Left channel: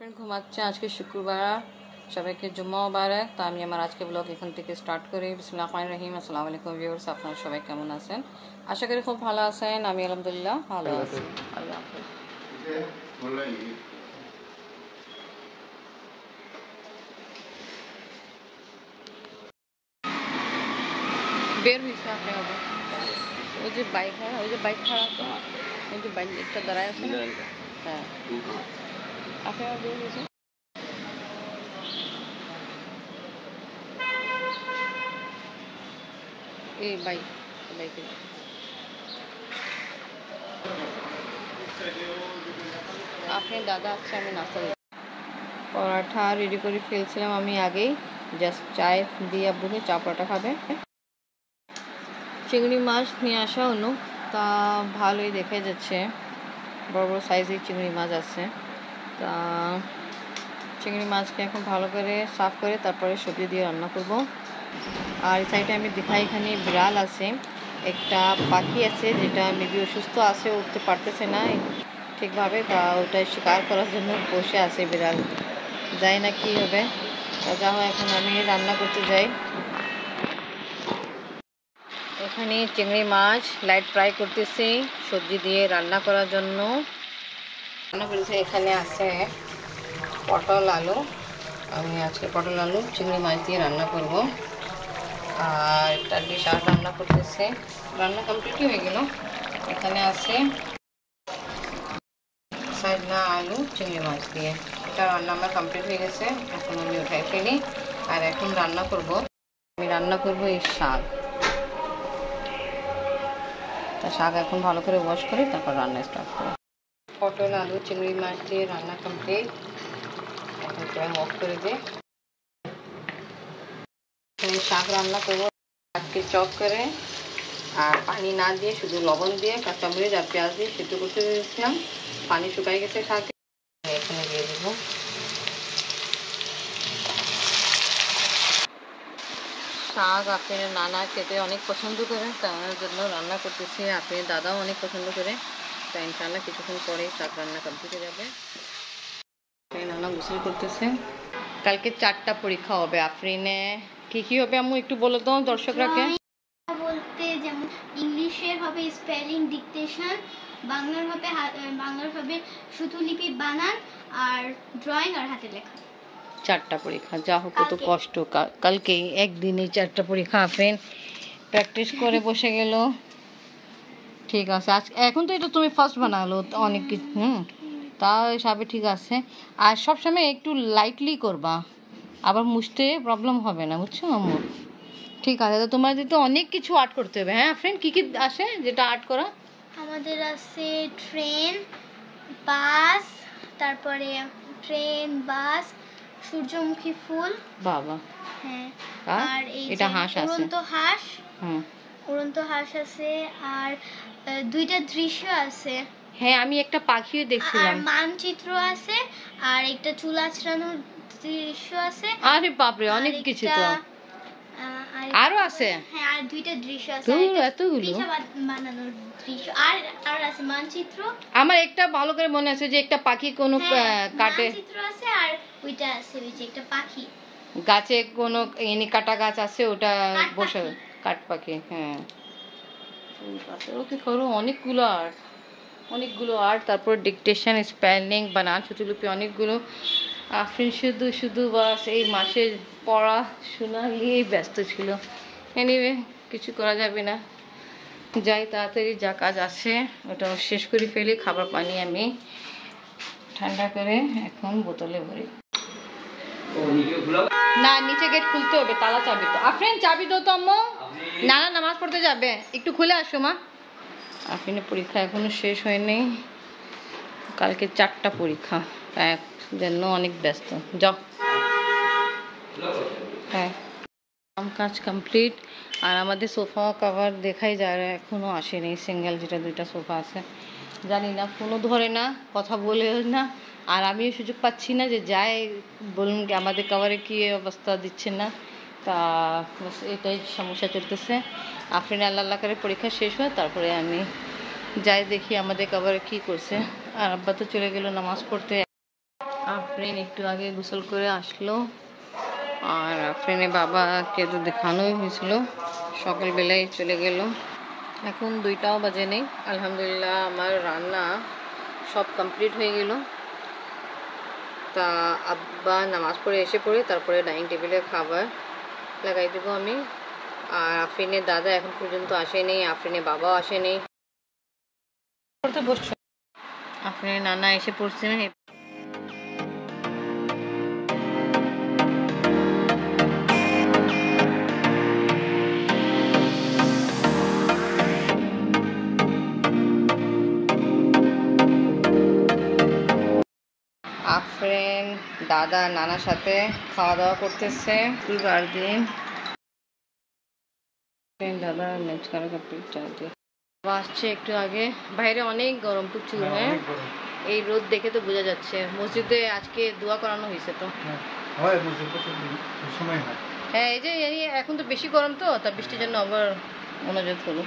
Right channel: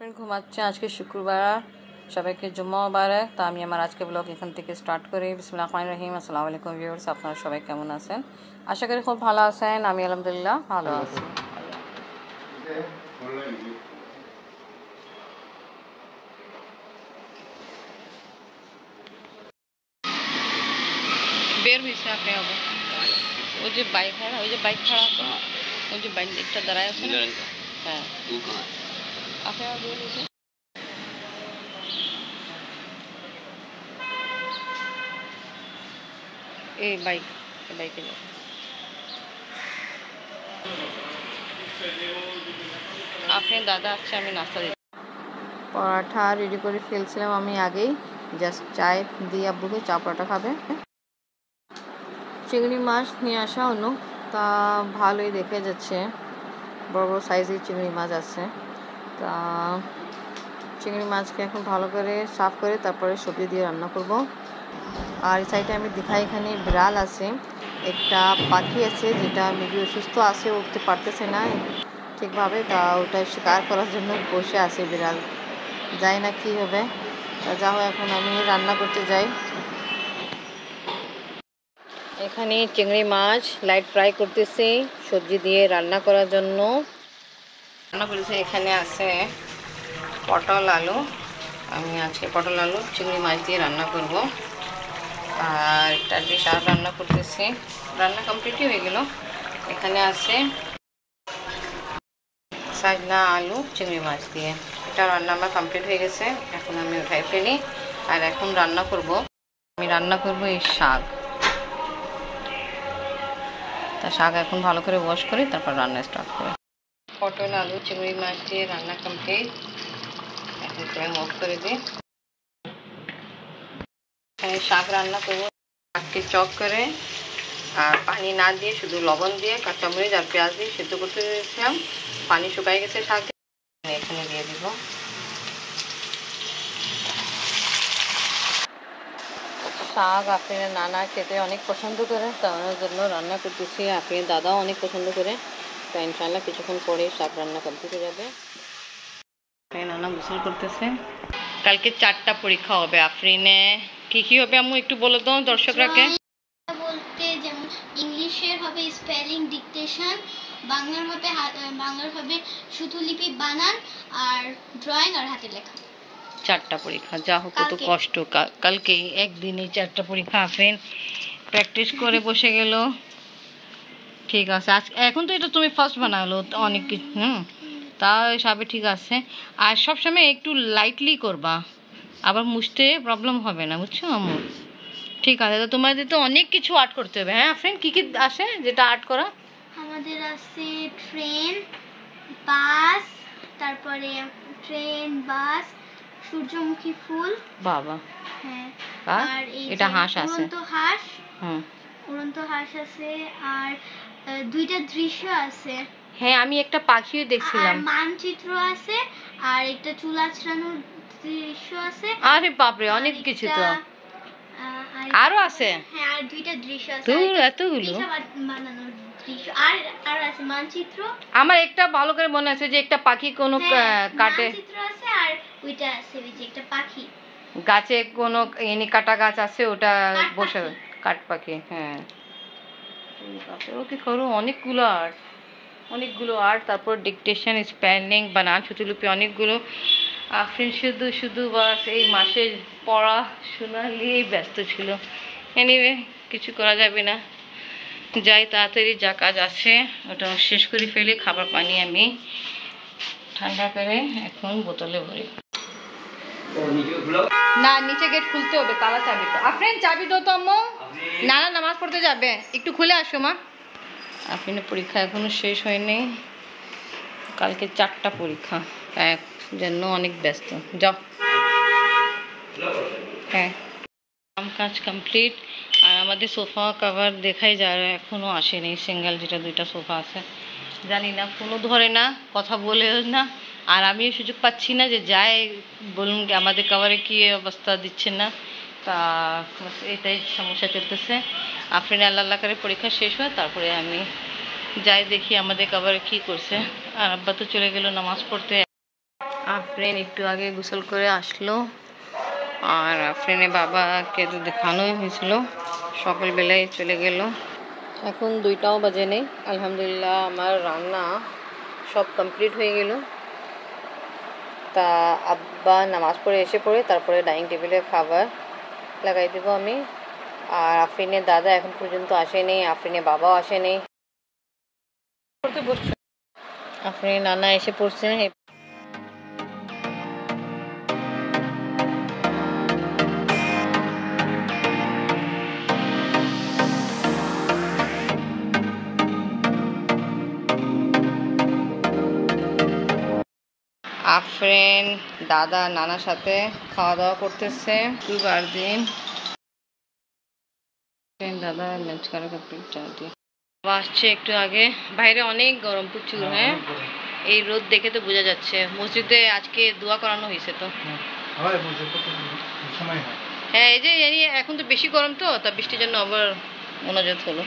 Friend ঘুমাচ্ছে। আজকে শুক্রবার, সবাইকে জুম্মা মুবারক। তো আমি আমার আজকে ব্লগ এখান থেকে স্টার্ট করি। বিসমিল্লাহির রহমানির রহিম। আসসালামু আলাইকুম ভিউয়ার্স, আপনারা সবাই কেমন আছেন? আশা করি খুব ভালো আছেন। আমি আলহামদুলিল্লাহ ভালো আছি। আল্লাহ হাফেজ। বের হয়েছে আপনি আবার ওই যে বাইক, হ্যাঁ ওই যে বাইক খারাপ, ওই যে বাইক একটা দাঁড়ায় আছে না, হ্যাঁ আপনি আবার বের হয়েছে। এই বাইক, বাইকে আপনার দাদা আছে। আমি নাস্তা দিই, পরাঠা রেডি করে ফেলছিলাম আমি আগেই। জাস্ট চায় দিয়ে আব্বুকে চা পরাঠা খাবে। চিংড়ি মাছ নিয়ে আসা হলো, তা ভালোই দেখে যাচ্ছে, বড় বড় সাইজের চিংড়ি মাছ আছে। তা চিংড়ি মাছকে এখন ভালো করে সাফ করে তারপরে সবজি দিয়ে রান্না করব। আর এই সাইডে আমি দেখাই, এখানে বিড়াল আছে, একটা পাখি আছে যেটা মেবি অসুস্থ আছে, উঠতে পারতেছে না ঠিকভাবে। তা ওটা শিকার করার জন্য বসে আছে বিড়াল, যাই না কি হবে। তা যা হোক, এখন আমি রান্না করতে যাই। এখানে চিংড়ি মাছ লাইট ফ্রাই করতেছি সবজি দিয়ে রান্না করার জন্য। রান্না করেছি, এখানে আছে পটল আলু। আমি আজকে পটল আলু চিংড়ি মাছ দিয়ে রান্না করব। আর একটা ডিশ আর রান্না করতেছি, রান্না কমপ্লিটই হয়ে গেল। এখানে আছে সাজনা আলু চিংড়ি মাছ দিয়ে, এটা রান্না আমার কমপ্লিট হয়ে গেছে। এখন আমি উঠাই ফেলি। আর এখন রান্না করব, আমি রান্না করব এই শাক। তা শাক এখন ভালো করে ওয়াশ করি, তারপর রান্না স্টার্ট করি। পটল আলু চিংড়ি মাছ দিয়ে রান্না কমপ্লিট। এখন ফ্লেম অফ করে দিই। এখানে শাক রান্না করবো, শাককে চপ করে আর পানি না দিয়ে শুধু লবণ দিয়ে কাঁচামরিচ আর পেঁয়াজ দিয়ে সিদ্ধ করতে দিয়েছিলাম। পানি শুকাই গেছে শাকে, এখানে দিয়ে দিব। শাক আপনার নানা খেতে অনেক পছন্দ করে, তার জন্য রান্না করতেছি। আপনার দাদাও অনেক পছন্দ করে। তা ইনশাল্লাহ কিছুক্ষণ পরে শাক রান্না কমপ্লিট হয়ে যাবে। নানা গোসল করতেছে। কালকে 4টা পরীক্ষা হবে। আফরিনে কি কি হবে আম্মু একটু বলে দাও দর্শকরাকে। বলতে যেমন ইংলিশের হবে স্পেলিং ডিকটেশন, বাংলার হবে শ্রুতলিপি বানান, আর ড্রয়িং আর হাতে লেখা। 4টা পরীক্ষা, যা হোক কত কষ্ট। কালকে একদিনে 4টা পরীক্ষা। আফরিন প্র্যাকটিস করে বসে গেল। ঠিক আছে, আজকে এখন তো এটা তুমি ফার্স্ট বানালো অনেক কিছু, তা সবে ঠিক আছে। আর সবসময় একটু লাইটলি করবা, আবার মুছতে প্রবলেম হবে না, বুঝছো আম্মু? ঠিক আছে, তো তোমাদের তো অনেক কিছু আর্ট করতে হবে। হ্যাঁ ফ্রেন্ড, কি কি আছে যেটা আর্ট করা? আমাদের আছে ট্রেন, বাস, তারপরে ট্রেন, বাস, সূর্যমুখী ফুল। বাবা, হ্যাঁ, আর এটা হাঁস আছে, উড়ন্ত হাঁস আছে, আর 2টা দৃশ্য আছে। হ্যাঁ, আমি একটা পাখিও দেখছিলাম। মানচিত্র আছে, আর একটা চুল আঁচড়ানোর দৃশ্য আছে। আরে বাপরে, অনেক কিছু তো আরো আছে। হ্যাঁ, আর 2টা দৃশ্য আছে, এতগুলো বানানোর দৃশ্য। আর আছে মানচিত্র। আমার একটা ভালো করে মনে আছে যে একটা পাখি কোনো কাটে, মানচিত্র আছে, আর ওইটা আছে ওই যে একটা পাখি গাছে কোনো এনি কাটা গাছ আছে, ওটা বসে কাঠ পাখি। হ্যাঁ, ওকে করো অনেকগুলো আর্ট। তারপর ডিকটেশন, স্পেলিং, বানান, শ্রুতলিপি, অনেকগুলো। আফরিন শুধু বাস এই মাসে পড়াশোনা নিয়েই ব্যস্ত ছিল। এনিওয়ে, কিছু করা যাবে না, যাই তাড়াতাড়ি যা কাজ আছে ওটা শেষ করে ফেলি। খাবার পানি আমি ঠান্ডা করে এখন বোতলে ভরি। না, নিচে গেট খুলতে হবে, তালা চাবি তো। আফরিন চাবি দাও তো আম্মু, নানা নামাজ পড়তে যাবে, একটু খুলে আসো মা। আফরিনের পরীক্ষা এখনো শেষ হয়নি, কালকে 4টা পরীক্ষা, এক জন্য অনেক ব্যস্ত। যাও। হ্যাঁ, কাজ কমপ্লিট। আর আমাদের সোফা কভার দেখাই যায়, এখনও আসেনি সিঙ্গেল, যেটা 2টা সোফা আছে। জানি না, ফোনও ধরে না, কথা বলেও না। আর আমিও সুযোগ পাচ্ছি না যে যাই বলুন কি আমাদের কভারে কী অবস্থা দিচ্ছে না। তা এটাই সমস্যা চলতেছে। আফরিন আল্লাহ করে পরীক্ষা শেষ হয়, তারপরে আমি যাই দেখি আমাদের কভারে কী করছে। আর আব্বা তো চলে গেল নামাজ পড়তে। আফরিন একটু আগে গোসল করে আসলো, আর আফরিনের বাবাকে তো দেখানোই হয়েছিল, সকালবেলায় চলে গেল। এখন 2টাও বাজে নেই। আলহামদুলিল্লাহ আমার রান্না সব কমপ্লিট হয়ে গেল। তা আব্বা নামাজ পড়ে এসে পড়ে তারপরে ডাইনিং টেবিলে খাবার লাগাই দেবো আমি। আর আফরিনের দাদা এখন পর্যন্ত আসেনি, আফরিনের বাবাও আসেনি। পড়তে বসছে, আফরিনের নানা এসে পড়ছে। আফরিন দাদা নানার সাথে খাওয়া দাওয়া করতেছে। দুবার দিন দাদা ম্যাচ করা কমপ্লিট চা দিয়ে আসছে একটু আগে। বাইরে অনেক গরম প্রচুর। হ্যাঁ, এই রোদ দেখে তো বোঝা যাচ্ছে। মসজিদে আজকে দোয়া করানো হয়েছে তো। হ্যাঁ, এই যে এখন তো বেশি গরম তো, তা বৃষ্টির জন্য আবার মনোযোগ হলো।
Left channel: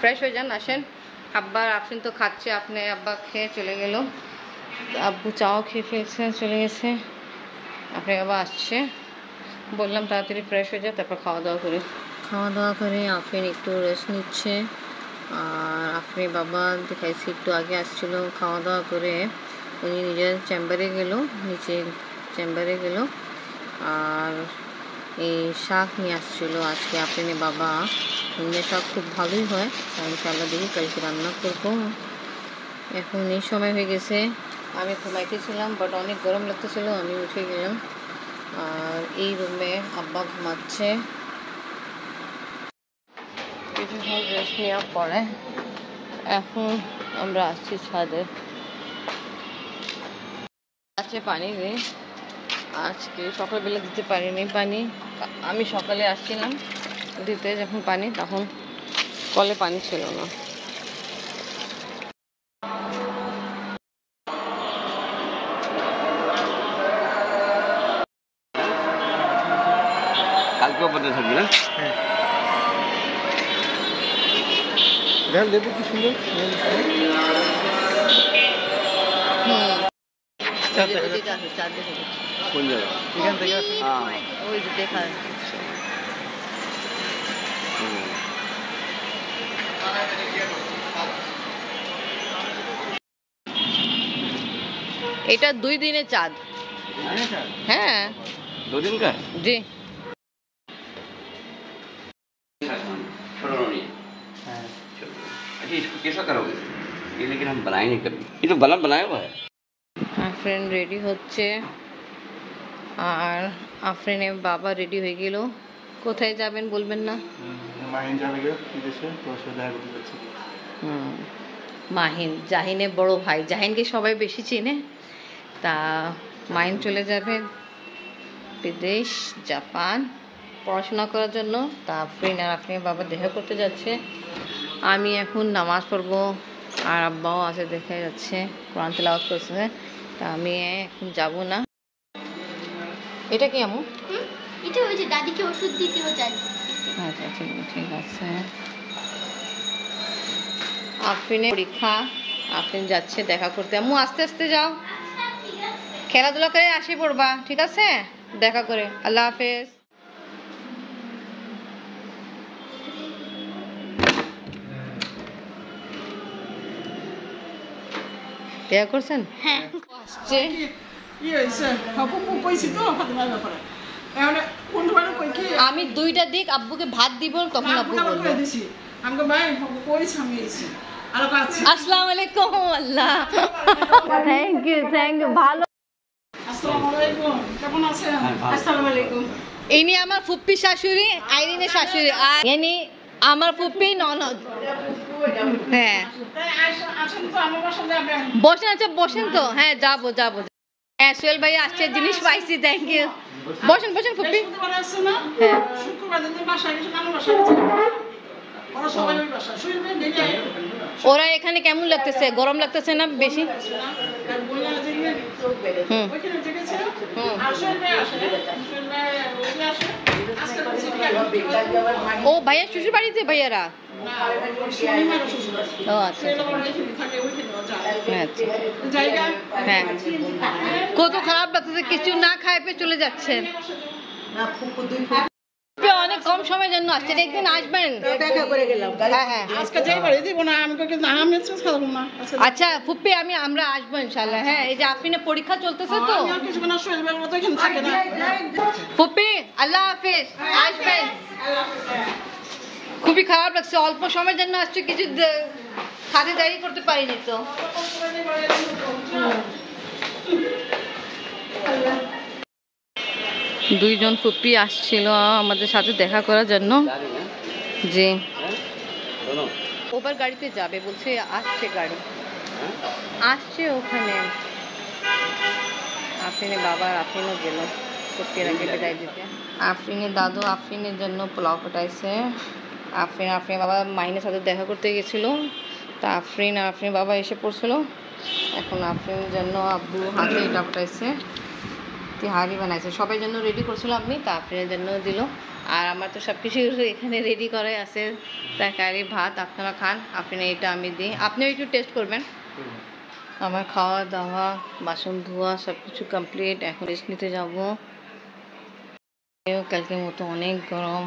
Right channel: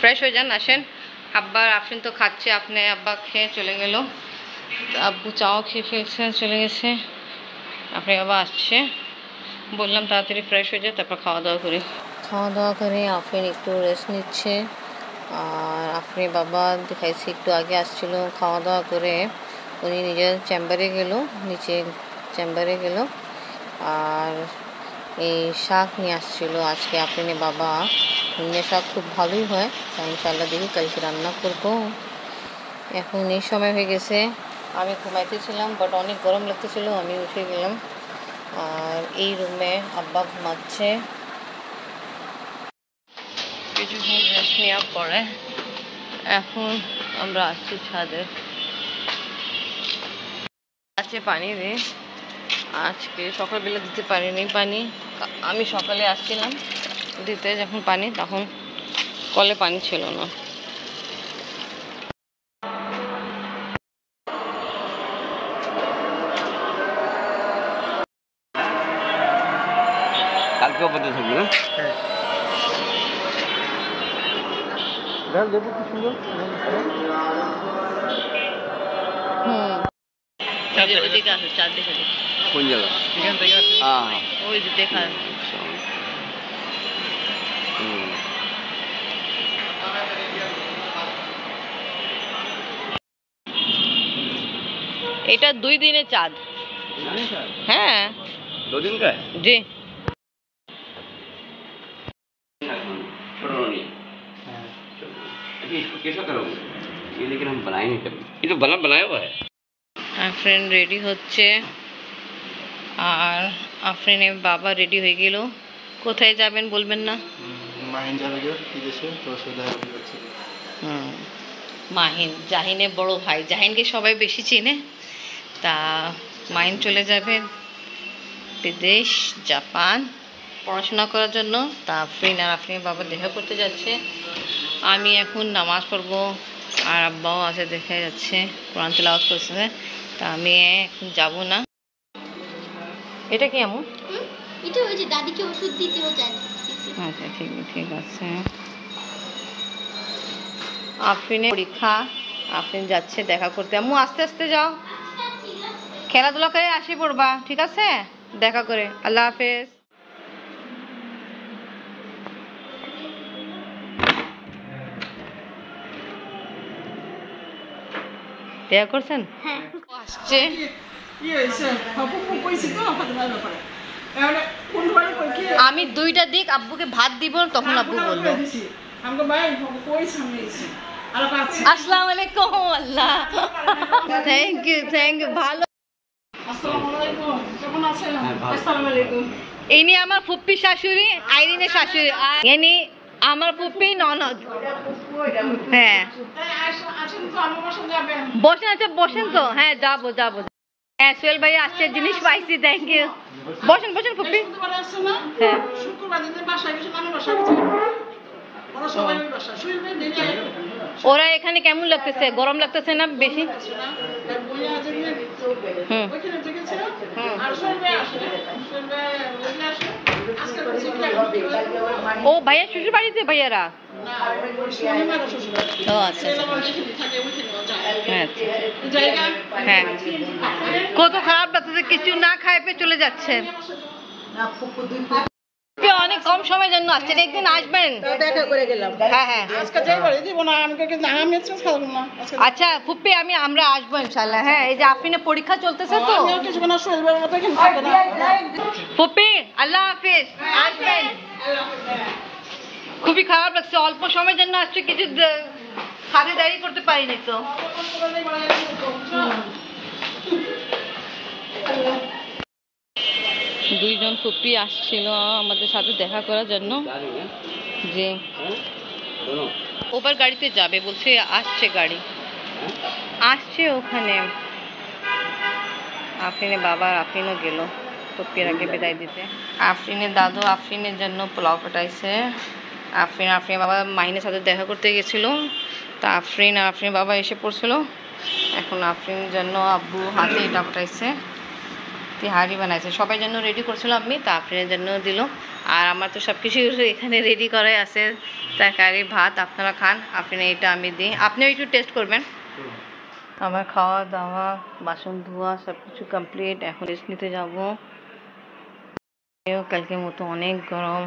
ফ্রেশ হয়ে যান, আসেন। আব্বা আফরিন তো খাচ্ছে, আপনি আব্বা খেয়ে চলে গেল, আব্বু চাও খেয়ে ফেলছে, চলে গেছে। আপনি আবার আসছে, বললাম তাড়াতাড়ি ফ্রেশ হয়ে যায় তারপর খাওয়া দাওয়া করি। খাওয়া দাওয়া করে আফরিন একটু রেস্ট নিচ্ছে, আর আফরিন বাবা দেখাইছে একটু আগে আসছিল। খাওয়া দাওয়া করে উনি নিজের চেম্বারে গেল, নিচে চেম্বারে গেল, আর এই শাক নিয়ে আসছিল আজকে আফরিনের বাবা। হিমের শাক খুব ভালোই হয়, ইনশাআল্লাহ দেখি কালকে রান্না করবো। এখন এই সময় হয়ে গেছে, আমি ঘুমাইতেছিলাম, বাট অনেক গরম লাগতেছিল, আমি উঠে গেলাম। আর এই রুমে আব্বা ঘুমাচ্ছে। কিছুক্ষণ রেস্ট নেওয়ার পরে এখন আমরা আসছি ছাদে। আছে পানি রে, আজকে সকালবেলা দিতে পারিনি পানি। আমি সকালে আসছিলাম দিতে যখন পানি, তখন কলে পানি ছিল না। কালকেও বন্ধ থাকবে না? দেখো কি সুন্দর। ওইদিকে আছে, চার দিকে কোন জায়গা? এখান থেকে ওই যে দেখা এটা 2 দিনের চাঁদ। হ্যাঁ, 2 दिन का है जी। अच्छा, इसको कैसा करोगे? ये लेकिन हम बनाएंगे कभी, ये तो बनाया हुआ है। আফরিন রেডি হচ্ছে, আর আফরিনের বাবা রেডি হয়ে গেল। কোথায় যাবেন বলবেন না? মাহিন যাবে বিদেশে, তো সে দেখা করছে। মাহিন, জাহিনের বড় ভাই। জাহিনকে সবাই বেশি চেনে, তা মাহিন চলে যাবে বিদেশ, জাপান পড়াশোনা করার জন্য। তা আফরিন আর আফরিনের বাবা দেখা করতে যাচ্ছে। আমি এখন নামাজ পড়বো, আর আব্বাও আছে দেখা যাচ্ছে, কোরআন তেলাওয়াত করছে। তা আমি এখন যাব না। এটা কি আমু? এটা ওই যে দাদিকে ওষুধ দিতেও যায়। আচ্ছা, ঠিক আছে। আফরিনের পরীক্ষা, আফরিন যাচ্ছে দেখা করতে। আম্মু আস্তে আস্তে যাও, খেলাধুলা করে আসি পড়বা, ঠিক আছে? দেখা করে, আল্লাহ হাফেজ। দেখা করছেন? হ্যাঁ, আসছে। আমি 2টা দিক আব্বুকে ভাত দিব, তখন আব্বু বললো আসসালামু আলাইকুম। আল্লাহ, থ্যাংক ইউ, ভালো। ইনি আমার ফুপ্পি শাশুড়ি, আইরিনের শাশুড়ি, আর ইনি আমার ফুপ্পি ননদ। হ্যাঁ, বসেন। আচ্ছা বসেন তো। হ্যাঁ, যাবো। হ্যাঁ, সোহেল ভাই আসছে, জিনিস পাইছি, থ্যাংক ইউ। বসেন ফুপ্পি। হ্যাঁ, ওরা এখানে কেমন লাগতেছে? গরম লাগতেছে না বেশি? ও ভাইয়া শ্বশুর বাড়িতে, ভাইয়ারা ও আচ্ছা আচ্ছা হ্যাঁ কত খারাপ লাগতেছে কিছু না খাই পেয়ে চলে যাচ্ছেন অনেক কম সময়ের জন্য আসছেন একদিন আসবেন হ্যাঁ হ্যাঁ আচ্ছা ফুপ্পি আমরা আসবো ইনশাল্লাহ হ্যাঁ এই যে আফরিনের পরীক্ষা চলতেছে তো ফুপ্পি আল্লাহ হাফিজ আসবেন খুবই খারাপ লাগছে অল্প সময়ের জন্য আসছে কিছু খাতিরদারি করতে পারিনি তো দুইজন ফুপ্পি আসছিল আমাদের সাথে দেখা করার জন্য যে ওবার গাড়িতে যাবে বলছে আসছে গাড়ি আসছে ওখানে আফরিনের বাবা আফরিনও গেল ফুপ্পির আগে বিদায় দিতে আফরিনের দাদু আফরিনের জন্য পোলাও পাঠাইছে আফরিনের বাবা মাহিনের সাথে দেখা করতে গেছিল তা আফরিনের বাবা এসে পড়ছিল এখন আফরিনের জন্য আব্বু হাতে এটা পাঠাইছে তিহারি বানাইছে সবাই জন্য রেডি করছিল আমি তা আফরিনের জন্য দিল আর আমার তো সব কিছু এখানে রেডি করাই আছে তরকারি ভাত আপনারা খান আফরিনের এটা আমি দিই আপনিও একটু টেস্ট করবেন আমার খাওয়া দাওয়া বাসন ধোয়া সব কিছু কমপ্লিট এখন রেস্ট নিতে যাবো কালকের মতো অনেক গরম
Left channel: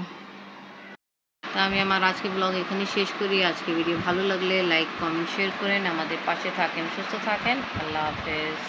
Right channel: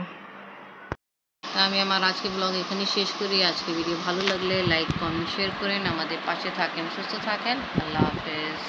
তা আমি আমার আজকে ব্লগ এখানে শেষ করি আজকে ভিডিও ভালো লাগলে লাইক কমেন্ট শেয়ার করেন আমাদের পাশে থাকেন সুস্থ থাকেন আল্লাহ হাফেজ